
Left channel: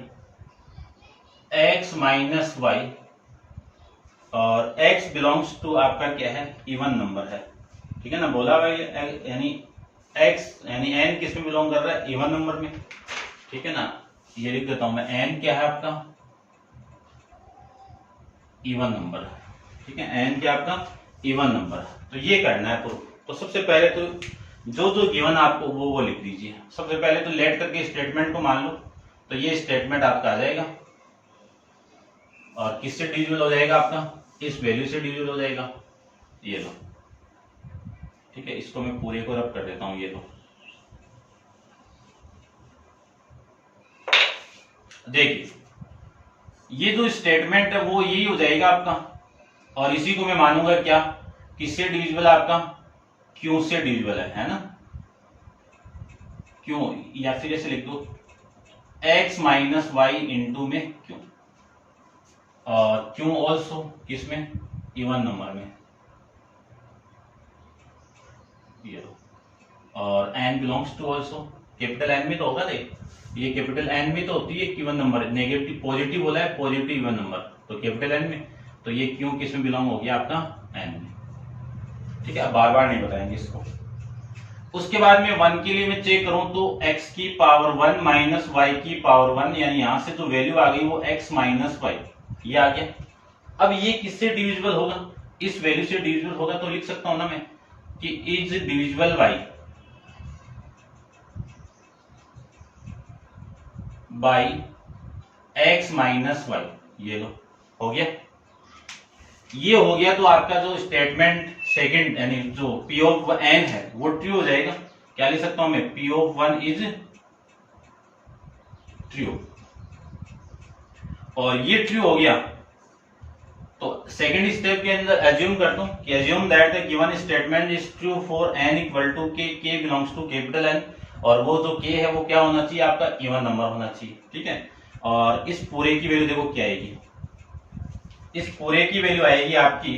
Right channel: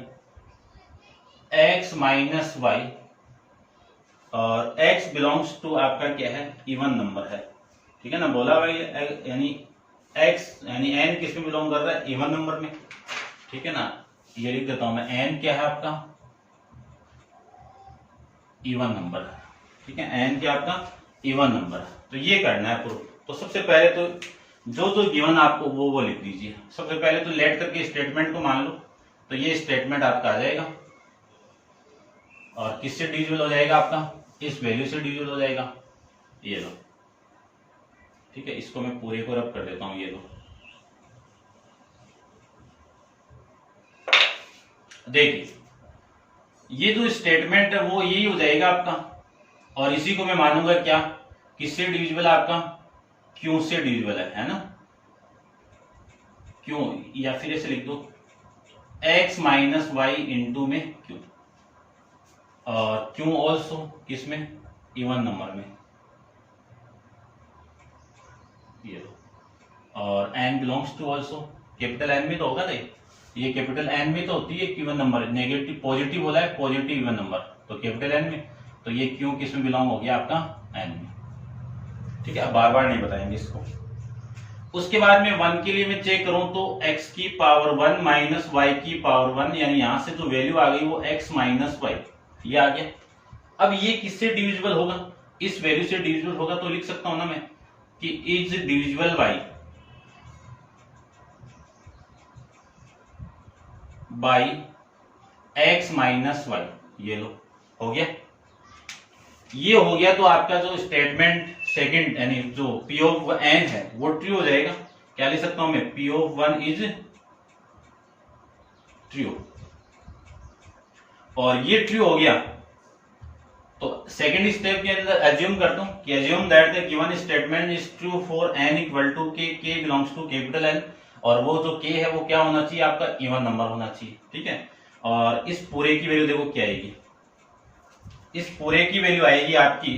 x minus y, और x बिलोंग्स टू आपका क्या है, इवन नंबर है, ठीक है ना। बोला भाई यानी x यानी n किस में बिलोंग कर रहा है, इवन नंबर में, ठीक है ना। ये लिख देता हूं मैं, n क्या है आपका, इवन नंबर, ठीक है। n क्या आपका, इवन नंबर। तो ये करना है प्रूफ। तो सबसे पहले तो जो जो गिवन आपको वो लिख दीजिए। सबसे पहले तो लेट करके स्टेटमेंट को मान लो, तो ये स्टेटमेंट आपका आ जाएगा, और किससे डिविजिबल हो जाएगा आपका, इस वैल्यू से डिविजिबल हो जाएगा, ये लो, ठीक है। इसको मैं पूरे को रब कर देता हूं, ये लो। देखिए ये जो स्टेटमेंट है वो यही हो जाएगा आपका, और इसी को मैं मानूंगा क्या, किससे डिविजिबल है आपका, क्यू से डिविजिबल है ना। क्यों, या फिर ऐसे लिख दो x माइनस वाई इंटू में क्यू, और क्यू ऑल्सो किसमें, इवन नंबर में, ये लो। और n belongs to also capital N में तो होगा, देख ये कैपिटल N में तो होती है इवन नंबर, नेगेटिव पॉजिटिव बोला है, पॉजिटिव इवन नंबर, तो कैपिटल N में, तो ये क्यू किस में बिलोंग हो गया आपका, N में, ठीक है। बार बार नहीं बताएंगे इसको। उसके बाद में 1 के लिए मैं चेक करूं तो x की पावर 1 माइनस y की पावर 1, यानी यहां से जो वैल्यू आ गई वो x माइनस y, ये आ गया। अब ये किससे डिविजिबल होगा, इस वैल्यू से डिविजिबल होगा, तो लिख सकता हूं ना मैं कि is divisible by x minus y, ये लो, हो गया। ये हो गया तो आपका जो स्टेटमेंट सेकंड यानी जो P ऑफ n है वो ट्रू हो जाएगा। क्या लिख सकता हूं मैं, P ऑफ 1 इज ट्रू, और ये ट्रू हो गया तो सेकंड स्टेप के अंदर एज्यूम करता हूं कि assume that the given statement is true for n equal to k, k belongs to capital N, और वो जो k है वो क्या होना चाहिए आपका, इवन नंबर होना चाहिए, ठीक है। और इस पूरे की वैल्यू देखो क्या आएगी, इस पूरे की वैल्यू आएगी आपकी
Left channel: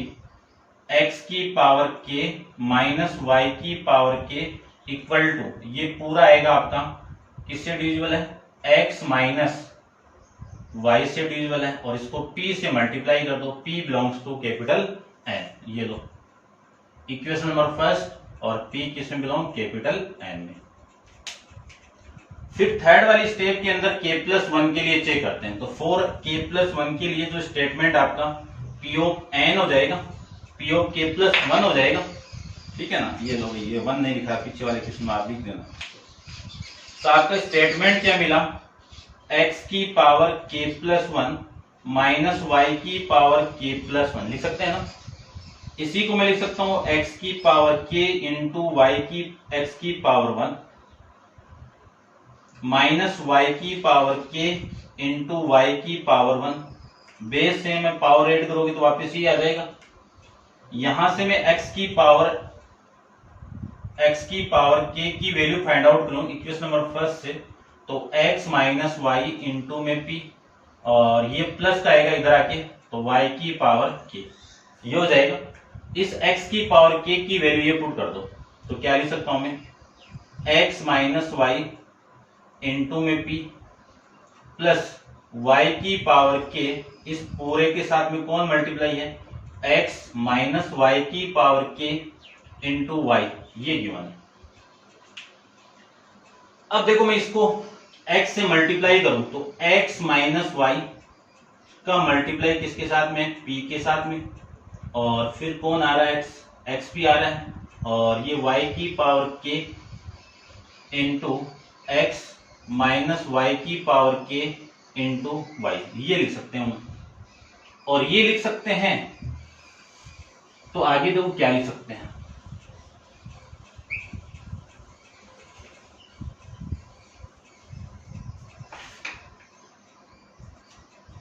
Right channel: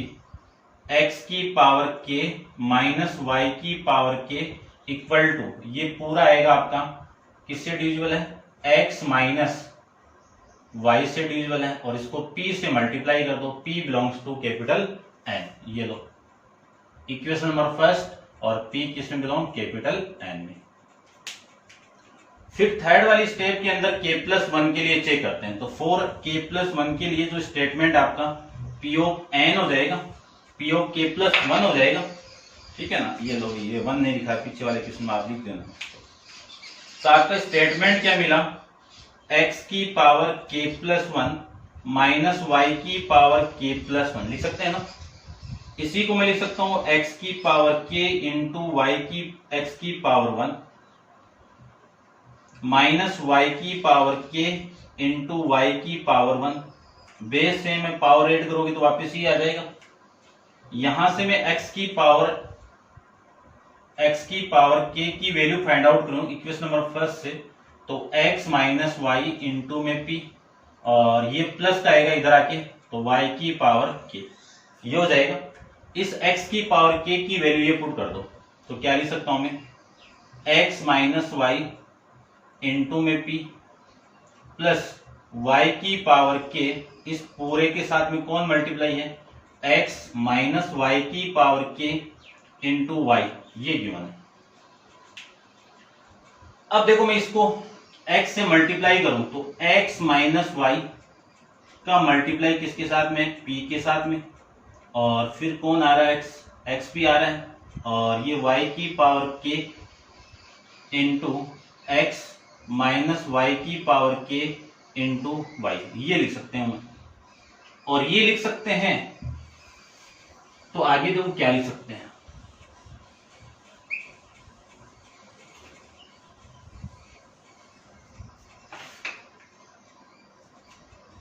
x की पावर k माइनस y की पावर k इक्वल टू, ये पूरा आएगा आपका किससे डिविजिबल है, x माइनस y से डिविजिबल है, और इसको p से मल्टीप्लाई कर दो, p belongs to capital N, ये लो इक्वेशन नंबर फर्स्ट, और p किस में बिलोंग, कैपिटल N में। फिर थर्ड वाली स्टेप के अंदर k प्लस 1 के लिए चेक करते हैं। तो फॉर k प्लस 1 के लिए जो स्टेटमेंट आपका p ऑफ n हो जाएगा, p ऑफ k प्लस 1 हो जाएगा, ठीक है ना। ये लो, ये 1 नहीं लिखा, पीछे वाले क्वेश्चन में आप लिख देना। तो आपका स्टेटमेंट क्या मिला, x की power k plus 1 minus y की पावर k प्लस 1, लिख सकते हैं ना। इसी को मैं लिख सकता हूं x की पावर k इंटू y की x की पावर 1 माइनस y की पावर k इंटू y की पावर 1, बेस से मैं पावर ऐड करोगे तो वापस ही आ जाएगा। यहां से मैं x की पावर k की वैल्यू फाइंड आउट करूं इक्वेशन नंबर फर्स्ट से, तो x माइनस वाई इंटू में p, और ये प्लस का आएगा इधर आके, तो y की पावर k ये हो जाएगा। इस x की पावर k की वैल्यू ये पुट कर दो, तो क्या लिख सकता हूं मैं, x माइनस वाई इंटू में p प्लस y की पावर k, इस पूरे के साथ में कौन मल्टीप्लाई है, x माइनस वाई की पावर k इंटू वाई, ये गिवन है। अब देखो मैं इसको x से मल्टीप्लाई करूं तो x माइनस वाई का मल्टीप्लाई किसके साथ में, p के साथ में, और फिर कौन आ रहा है, x p आ रहा है, और ये y की power k into X minus Y की पावर k इंटू वाई, ये लिख सकते हैं। और ये लिख सकते हैं तो आगे देखो क्या लिख सकते हैं,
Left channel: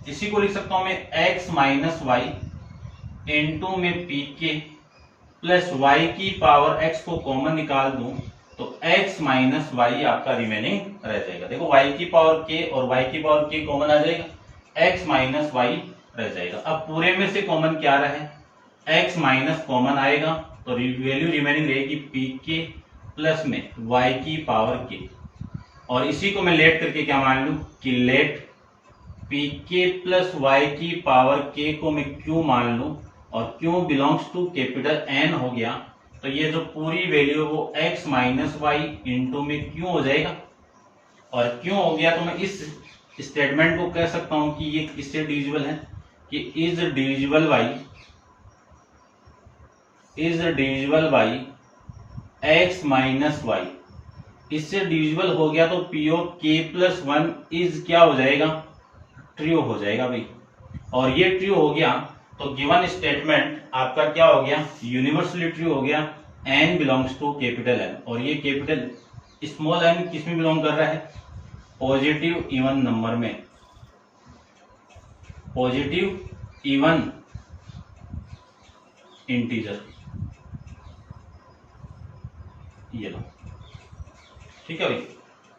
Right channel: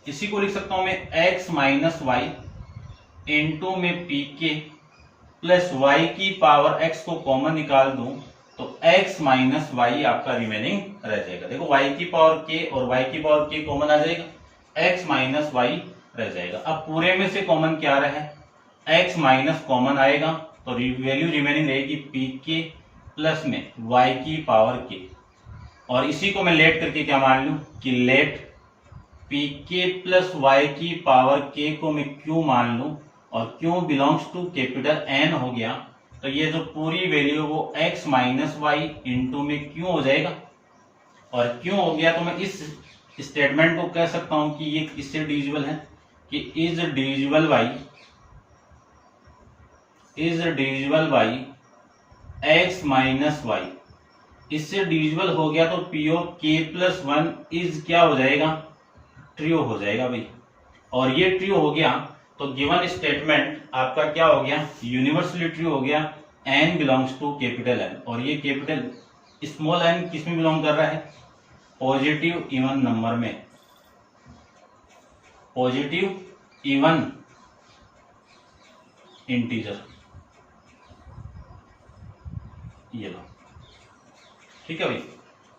इसी को लिख सकता हूं मैं x माइनस वाई इंटू में पी के प्लस वाई की पावर x को कॉमन निकाल दूं तो x माइनस वाई आपका रिमेनिंग रह जाएगा। देखो y की पावर k और y की पावर k कॉमन आ जाएगा, x माइनस वाई रह जाएगा। अब पूरे में से कॉमन क्या आ रहा है, x माइनस कॉमन आएगा तो वैल्यू रिमेनिंग रहेगी पी के प्लस में y की पावर k, और इसी को मैं लेट करके क्या मान लूं कि लेट पी के प्लस वाई की पावर k को मैं q मान लूं, और q belongs to capital N हो गया, तो ये जो पूरी वैल्यू वो x माइनस वाई इंटू में q हो जाएगा। और q हो गया तो मैं इस स्टेटमेंट को कह सकता हूं कि ये किससे डिविजिबल है, कि is divisible by x minus Y, इससे डिविजिबल हो गया तो p of k plus 1 is क्या हो जाएगा, ट्रू हो जाएगा भाई। और ये ट्रू हो गया तो गिवन स्टेटमेंट आपका क्या हो गया, यूनिवर्सली ट्रू हो गया, n belongs to capital N। और ये कैपिटल स्मॉल n किस में बिलोंग कर रहा है, पॉजिटिव इवन नंबर में, पॉजिटिव इवन इंटीजर, ये लो, ठीक है भाई।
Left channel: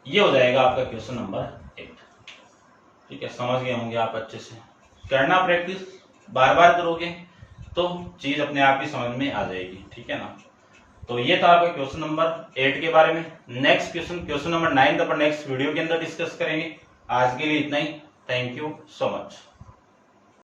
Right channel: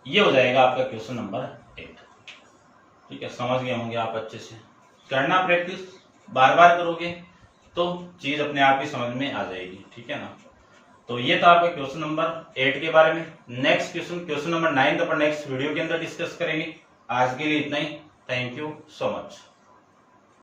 ये हो जाएगा आपका क्वेश्चन नंबर 8। ठीक है, समझ गए होंगे आप अच्छे से। करना प्रैक्टिस, बार बार करोगे तो चीज अपने आप ही समझ में आ जाएगी, ठीक है ना। तो ये था आपका क्वेश्चन नंबर 8 के बारे में। नेक्स्ट क्वेश्चन नंबर 9 अपन नेक्स्ट वीडियो के अंदर डिस्कस करेंगे। आज के लिए इतना ही। Thank you so much.